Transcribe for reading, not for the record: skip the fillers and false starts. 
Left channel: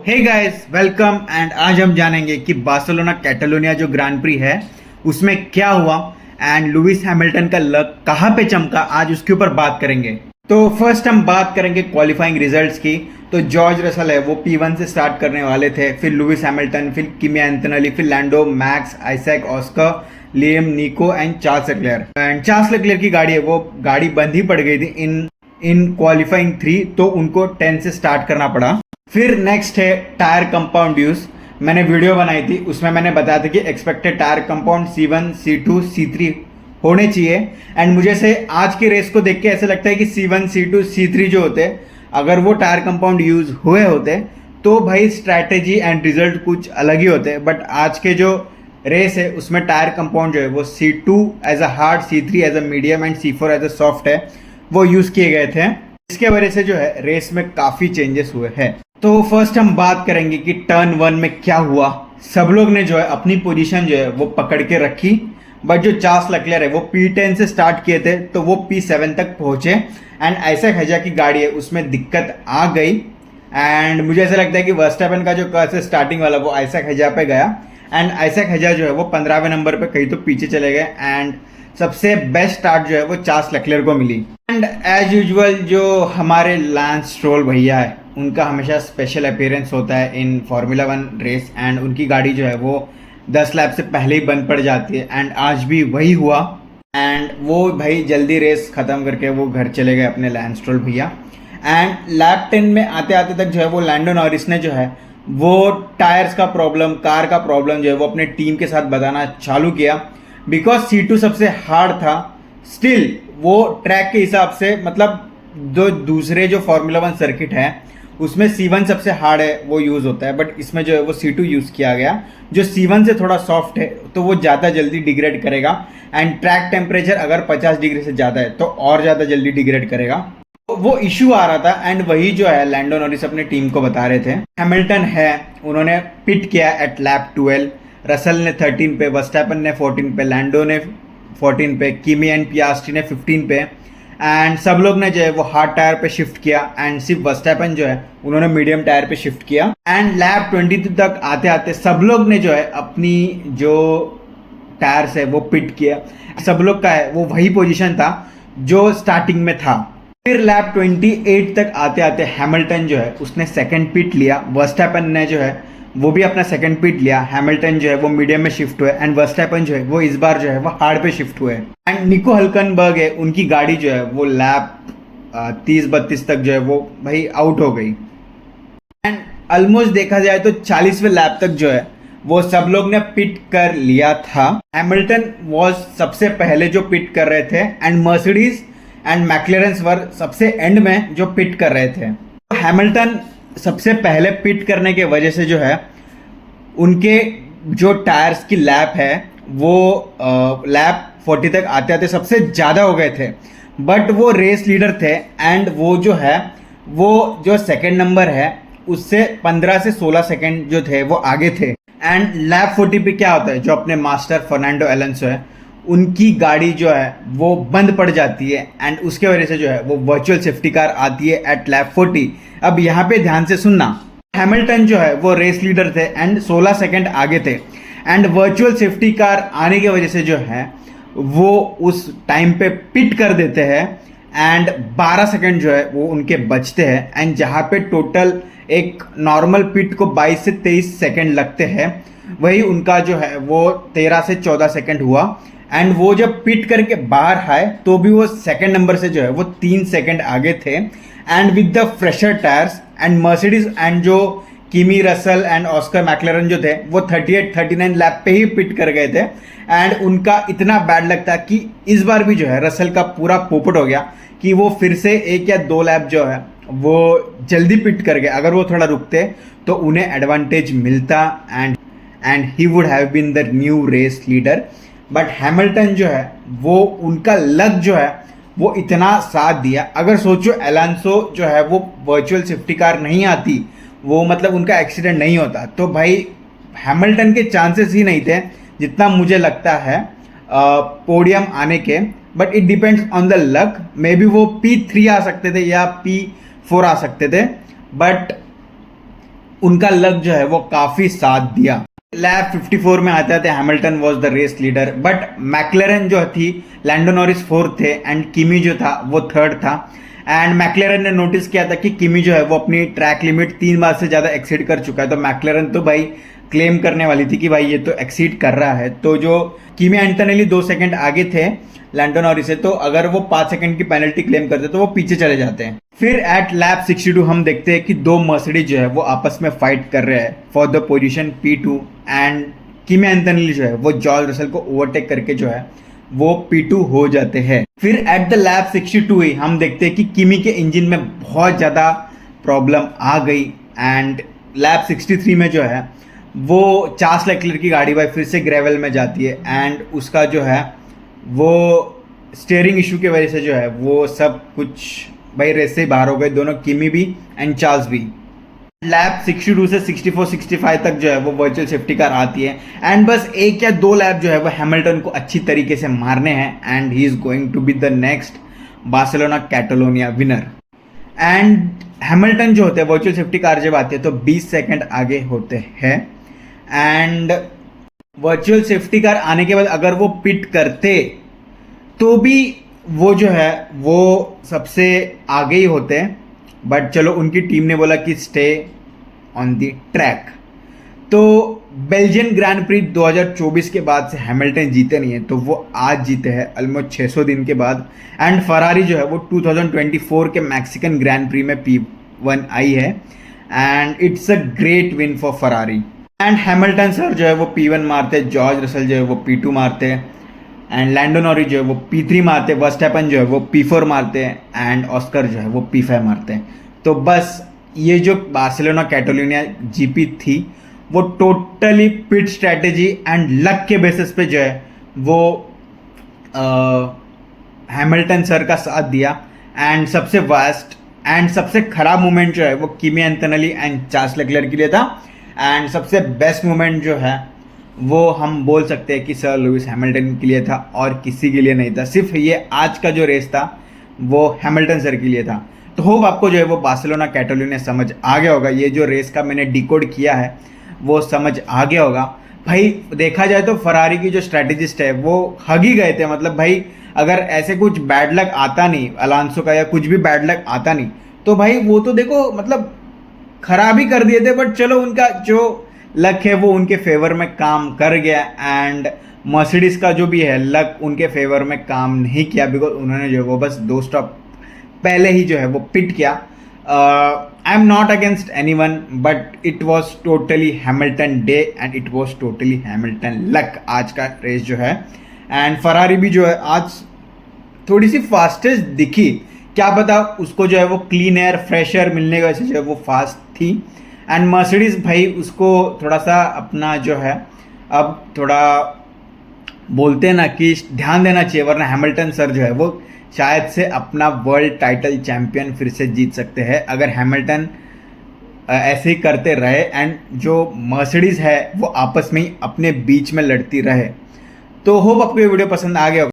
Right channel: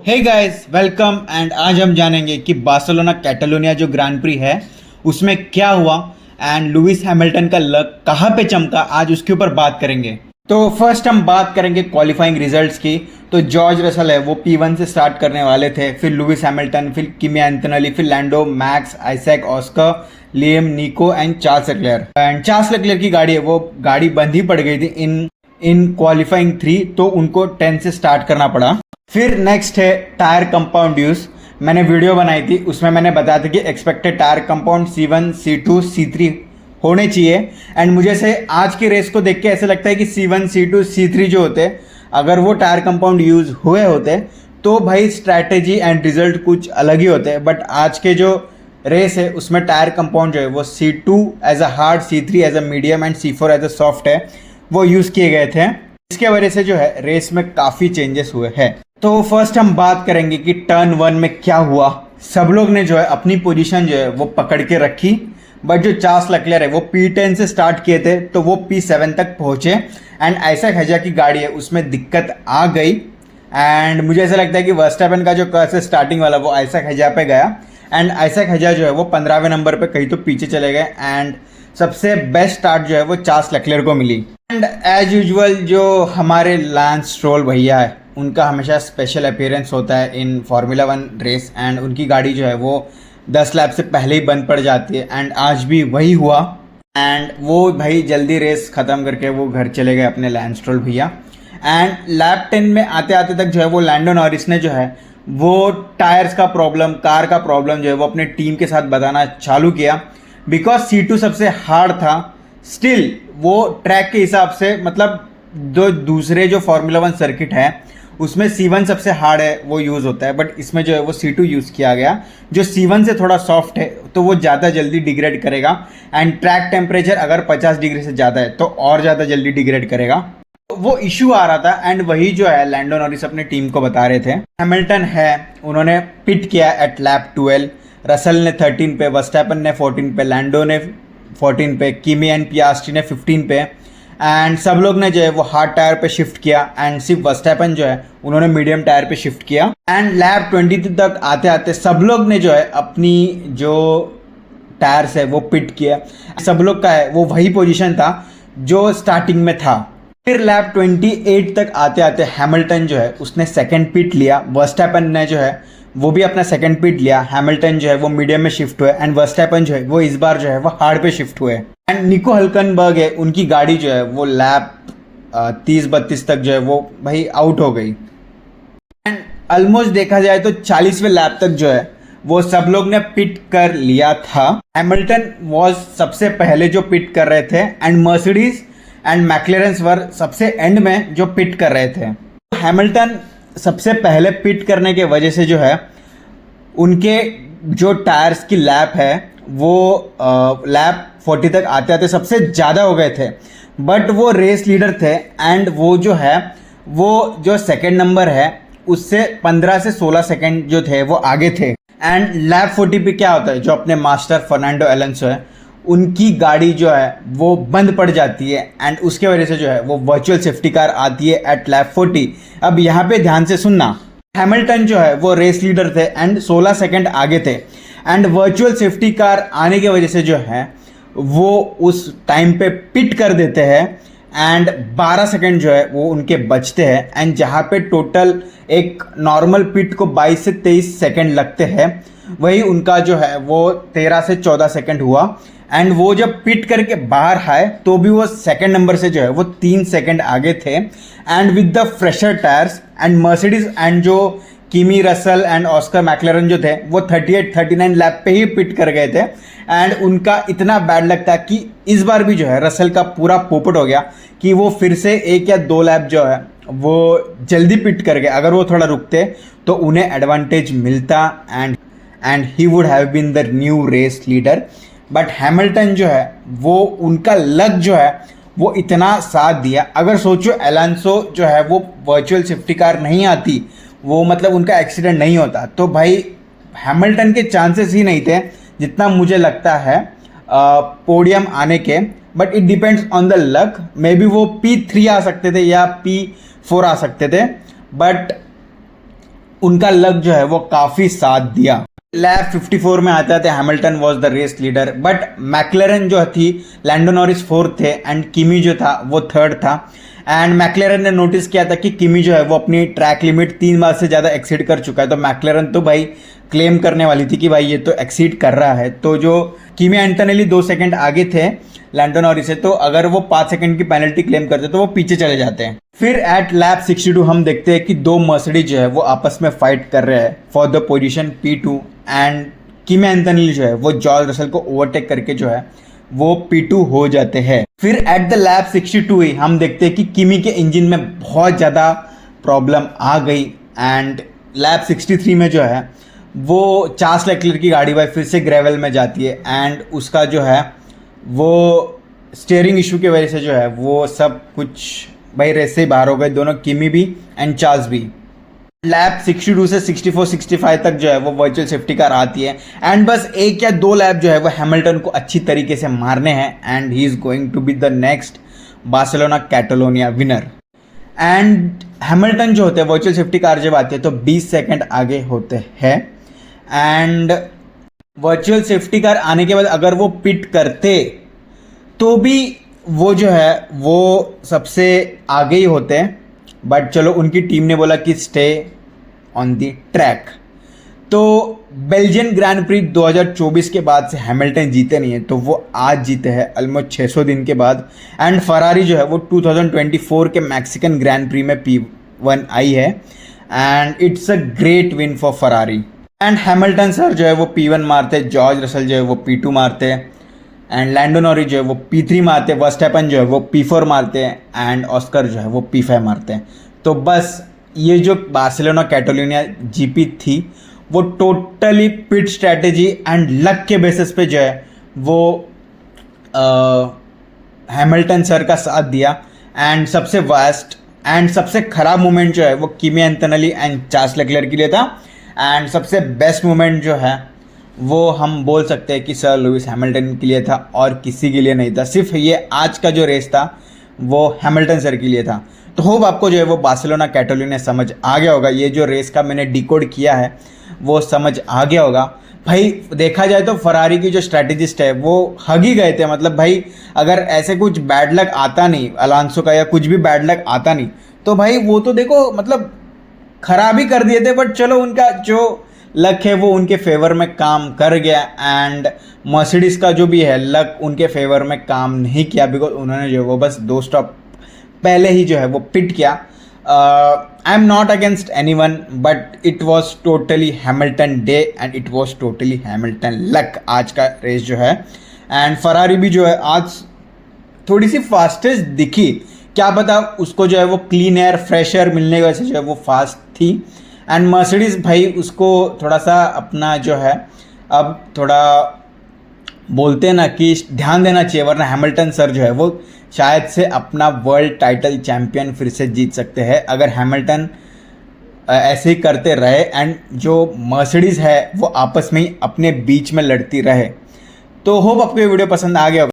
Hey guys welcome and आज हम जानेंगे कि बार्सिलोना कैटालोनिया जो ग्रांड प्री है उसमें क्या हुआ एंड लुइस हैमिल्टन का लक कहाँ पे चमका, आज उसके ऊपर बात करेंगे। तो फर्स्ट हम बात करेंगे क्वालिफाइंग रिजल्ट्स की। तो जॉर्ज रसल है वो P1 से स्टार्ट करने वाले थे, फिर लुइस हैमिल्टन, फिर किमी एंटोनेली, फिर Lando, Max, Isack, Oscar, Liam, Nico and Charles Leclerc. And Charles Leclerc की गाड़ी है वो गाड़ी बंद ही पड़ गई थी इन क्वालिफाइंग 3, तो उनको 10 से स्टार्ट करना पड़ा। फिर नेक्स्ट है टायर कंपाउंड यूज। मैंने वीडियो बनाई थी, उसमें मैंने बताया था कि expected tyre compound C1, C2, C3 होने चाहिए। एंड मुझे से आज की रेस को देख के ऐसा लगता है कि C1, C2, C3 जो होते अगर वो टायर कंपाउंड यूज हुए होते तो भाई स्ट्रैटेजी एंड रिजल्ट कुछ अलग ही होते। बट आज के जो रेस है उसमें टायर कंपाउंड जो है वो C2 as a hard, C3 as a medium and C4 as a soft है, वो यूज किए गए थे। इसके वजह से जो है रेस में काफी चेंजेस हुए हैं। तो फर्स्ट हम बात करेंगे कि टर्न 1 में क्या हुआ। सब लोग ने जो है अपनी पोजीशन जो है वो पकड़ के रखी, बट जो चार्ल्स लेक्लेयर है वो P10 से स्टार्ट किए थे तो वो P7 तक पहुंचे। एंड आइजैक हजा की गाड़ी है उसमें दिक्कत आ गई एंड मुझे ऐसा लगता है कि वर्स्टैपेन का जो कर्स है स्टार्टिंग वाला वो आइजैक हजा पे गया एंड आइजैक हजा जो है वो 15वें नंबर पे कहीं तो पीछे चले गए एंड सबसे बेस्ट स्टार्ट जो है वो चार्ल्स लेक्लेयर को मिली। एंड एज यूजुअल जो हमारे लैंस स्ट्रोल भैया है उनका हमेशा स्पेशल अपीयरेंस होता है इन फार्मूला 1 रेस एंड उनकी गाड़ी जो है वो 10 लैप से पहले ही बंद पड़ जाती है एंड आज भी वही हुआ। एंड वो भाई जल्दी रेस ख़त्म करके वो घर चले गए अपने लैंस स्ट्रोल भैया। एंड लैप 10 में आते आते तक जो है वो लैंडो नॉरिस ने जो है वो टायर्स का प्रॉब्लम, कार का प्रॉब्लम जो है वो अपने टीम के साथ बताना चालू किया। बिकॉज C2 सबसे हार्ड था, स्टिल वो ट्रैक के हिसाब से मतलब जो दूसरे जो फार्मूला 1 सर्किट है उसमें C1 सबसे हार्ड है वो यूज होता है, बट इसमें जो है वो C2 यूज किया गया जो C1 से थोड़ा सॉफ्ट है तो वो ज़्यादा जल्दी डिग्रेड करेगा। एंड ट्रैक टेम्परेचर अगर 50 डिग्री से ज़्यादा है तो और ज़्यादा जल्दी डिग्रेड करेगा। तो वो इश्यू आ रहा था एंड वही जो है लैंडो नॉरिस अपनी टीम को बता रहे थे। हैमिल्टन है उन्होंने पिट किया एट लैप 12, रसल ने 13 पे, वर्स्टैपेन ने 14 पे, लैंडो ने 14 पे, किमी एंड पियास्ट्री ने 15 पे एंड सब लोग ने जो है वो हार्ड टायर पे शिफ्ट किया एंड सिर्फ वर्स्टैपेन जो है उन्होंने मीडियम टायर पे शिफ्ट किया। एंड लैप 22 तक आते आते सब लोग ने जो है अपनी जो टायर्स है वो पिट किया। सब लोग का है वो वही पोजीशन था जो स्टार्टिंग में था। फिर लैप 28 तक आते आते हैमिल्टन जो है उसने सेकंड पिट लिया, वर्स्टैपेन ने जो है वो भी अपना सेकंड पिट लिया, हैमिल्टन जो है वो मीडियम में शिफ्ट हुए एंड वर्स्टैपेन जो है वो इस बार जो है वो हार्ड पे शिफ्ट हुए। एंड निको हल्कनबर्ग है उनकी गाड़ी जो है वो लैप 30-32 तक जो है वो भाई आउट हो गई। एंड ऑलमोस्ट देखा जाए तो 40वें लैप तक जो है वो सब लोग ने पिट कर लिया था। हैमिल्टन वॉज सबसे पहले जो पिट कर रहे थे एंड मर्सिडीज एंड मैक्लेरेंस वर सबसे एंड में जो पिट कर रहे थे। हैमिल्टन सबसे पहले पिट करने के वजह से जो है उनके जो टायर्स की लैप है वो लैप 40 तक आते आते सबसे ज़्यादा हो गए थे, बट वो रेस लीडर थे एंड वो जो है वो जो सेकंड नंबर है उससे 15 से 16 सेकंड जो थे वो आगे थे। एंड लैप 40 पे क्या होता है, जो अपने मास्टर फर्नांडो एलोंसो है उनकी गाड़ी जो है वो बंद पड़ जाती है एंड उसके वजह से जो है वो वर्चुअल सेफ्टी कार आती है एट लैप 40। अब यहाँ पे ध्यान से सुनना, हैमिल्टन जो है वो रेस लीडर थे एंड 16 सेकंड आगे थे एंड वर्चुअल सेफ्टी कार आने की वजह से जो है वो उस टाइम पे पिट कर देते हैं एंड 12 सेकंड जो है वो उनके बचते हैं। एंड जहाँ पे टोटल एक नॉर्मल पिट को 22 से 23 सेकंड लगते हैं वही उनका जो है वो 13 से 14 सेकंड हुआ। एंड वो जब पिट करके बाहर आए तो भी वो सेकंड नंबर से जो है वो 3 सेकंड आगे थे and with the fresher tyres and Mercedes and जो किमी, रसल एंड ऑस्कर मैक्लेरन जो थे वो 38-39 लैप पे ही पिट कर गए थे। एंड उनका इतना बैड लक था कि इस बार भी जो है रसल का पूरा पोपट हो गया कि वो फिर से 1 या 2 लैप जो है वो जल्दी पिट कर गए। अगर वो थोड़ा रुकते तो उन्हें एडवांटेज मिलता and he would have been the new race leader. But Hamilton जो है वो उनका लक जो है वो इतना साथ दिया। अगर सोचो एलोंसो जो है वो वर्चुअल सेफ्टी कार नहीं आती, वो मतलब उनका एक्सीडेंट नहीं होता, तो भाई हैमिल्टन के चांसेस ही नहीं थे जितना मुझे लगता है पोडियम आने के। But it depends on the luck, may be वो P3 आ सकते थे या P4 आ सकते थे, बट उनका लक जो है वो काफी साथ दिया। लैब 54 में आता है Hamilton was the race leader, but McLaren जो थी, लैंडो नॉरिस फोर्थ थे एंड किमी जो था वो थर्ड था। एंड मैक्लेरन ने नोटिस किया था कि किमी जो है वो अपनी ट्रैक लिमिट 3 बार से ज़्यादा एक्सीड कर चुका है, तो मैक्लेरन तो भाई क्लेम करने वाली थी कि भाई ये तो एक्सीड कर रहा है। तो जो किमी एंटोनेली 2 सेकंड आगे थे लैंडो नॉरिस से, तो अगर वो 5 सेकंड की पेनल्टी क्लेम करते तो वो पीछे चले जाते हैं। फिर एट लैप 62 हम देखते हैं कि दो मर्सिडीज जो है वो आपस में फाइट कर रहे हैं for the position P2 and Kimi Antonelli जो है वो जॉर्ज रसल को ओवरटेक करके जो है वो P2 हो जाते हैं। फिर एट द लैप 62 ही हम देखते हैं कि किमी के इंजन में बहुत ज़्यादा प्रॉब्लम आ गई एंड लैप 63 में जो है वो चार्ल्स लेक्लर की गाड़ी भाई फिर से ग्रेवल में जाती है एंड उसका जो है वो स्टीयरिंग इशू की वजह से जो है वो सब कुछ भाई रेस से बाहर हो गए, दोनों किमी भी एंड चार्ल्स भी। लैप 62 से 64-65 तक जो है वो वर्चुअल सेफ्टी कार आती है एंड बस 1 या 2 लैप जो है वो हैमिल्टन को अच्छी तरीके से मारने हैं and he is going to be the next Barcelona Catalonia winner. And Hamilton जो होते हैं वर्चुअल सेफ्टी कार जब आती है तो 20 सेकंड आगे होते हैं एंड वर्चुअल सेफ्टी कार आने के बाद अगर वो पिट करते तो भी वो जो है वो सबसे आगे ही होते हैं, बट चलो उनकी टीम ने बोला कि स्टे ऑन द ट्रैक। तो बेल्जियन ग्रैंड प्री 2024 के बाद से हैमिल्टन जीते नहीं है, तो वो आज जीते हैं ऑलमोस्ट 600 दिन के बाद। एंड फरारी जो है वो 2024 के मैक्सिकन ग्रैंड प्री में P1 आई है and it's a great win for Ferrari. And Hamilton sir जो है वो P1 मारते, जॉर्ज रसल जो है वो P2 मारते एंड लैंडो नॉरिस जो है वो P3 मारते, वर्स्टैपन जो है वो P4 मारते हैं एंड ऑस्कर जो है वो P5 मारते हैं। तो बस ये जो बार्सिलोना कैटालोनिया जीपी थी वो totally pit strategy and luck के बेसिस पे जो है वो हैमिल्टन सर का साथ दिया। एंड सबसे वर्स्ट एंड सबसे खराब मोमेंट जो है वो Kimi Antonelli and Charles Leclerc के लिए था एंड सबसे बेस्ट मोमेंट जो है वो हम बोल सकते हैं कि सर लुइस हैमिल्टन के लिए था और किसी के लिए नहीं था। सिर्फ ये आज का जो रेस था वो हैमिल्टन सर के लिए था। तो होप आपको जो है वो बार्सिलोना कैटालोनिया समझ आ गया होगा। ये जो रेस का मैंने डिकोड किया है वो समझ आ गया होगा। भाई देखा जाए तो फरारी की जो स्ट्रैटेजिस्ट है वो हग ही गए थे, मतलब भाई अगर ऐसे कुछ बैड लक आता नहीं अलांसो का या कुछ भी बैड लक आता नहीं तो भाई वो तो देखो मतलब खराब ही कर दिए थे, बट चलो उनका जो लक है वो उनके फेवर में काम कर गया एंड मर्सिडीज का जो भी है लक उनके फेवर में काम नहीं किया बिकॉज उन्होंने जो है वो बस 2 स्टॉप पहले ही जो है वो पिट किया। I am not against any one but it was totally Hamilton day and it was totally Hamilton luck आज का रेस जो है। एंड फरारी भी जो है आज थोड़ी सी फास्टेस्ट दिखी, क्या पता उसको जो है वो क्लीन एयर फ्रेश एयर मिलने की वजह से जो है वो फास्ट थी। एंड मर्सिडीज भाई उसको थोड़ा सा अपना जो है अब थोड़ा बोलते हैं ना कि ध्यान देना चाहिए, वरना हैमिल्टन सर जो है वो शायद से अपना वर्ल्ड टाइटल चैंपियन फिर से जीत सकते हैं अगर हैमिल्टन ऐसे ही करते रहे एंड जो मर्सिडीज है वो आपस में ही अपने बीच में लड़ती रहे। तो होप आपको ये वीडियो पसंद आ गया होगा।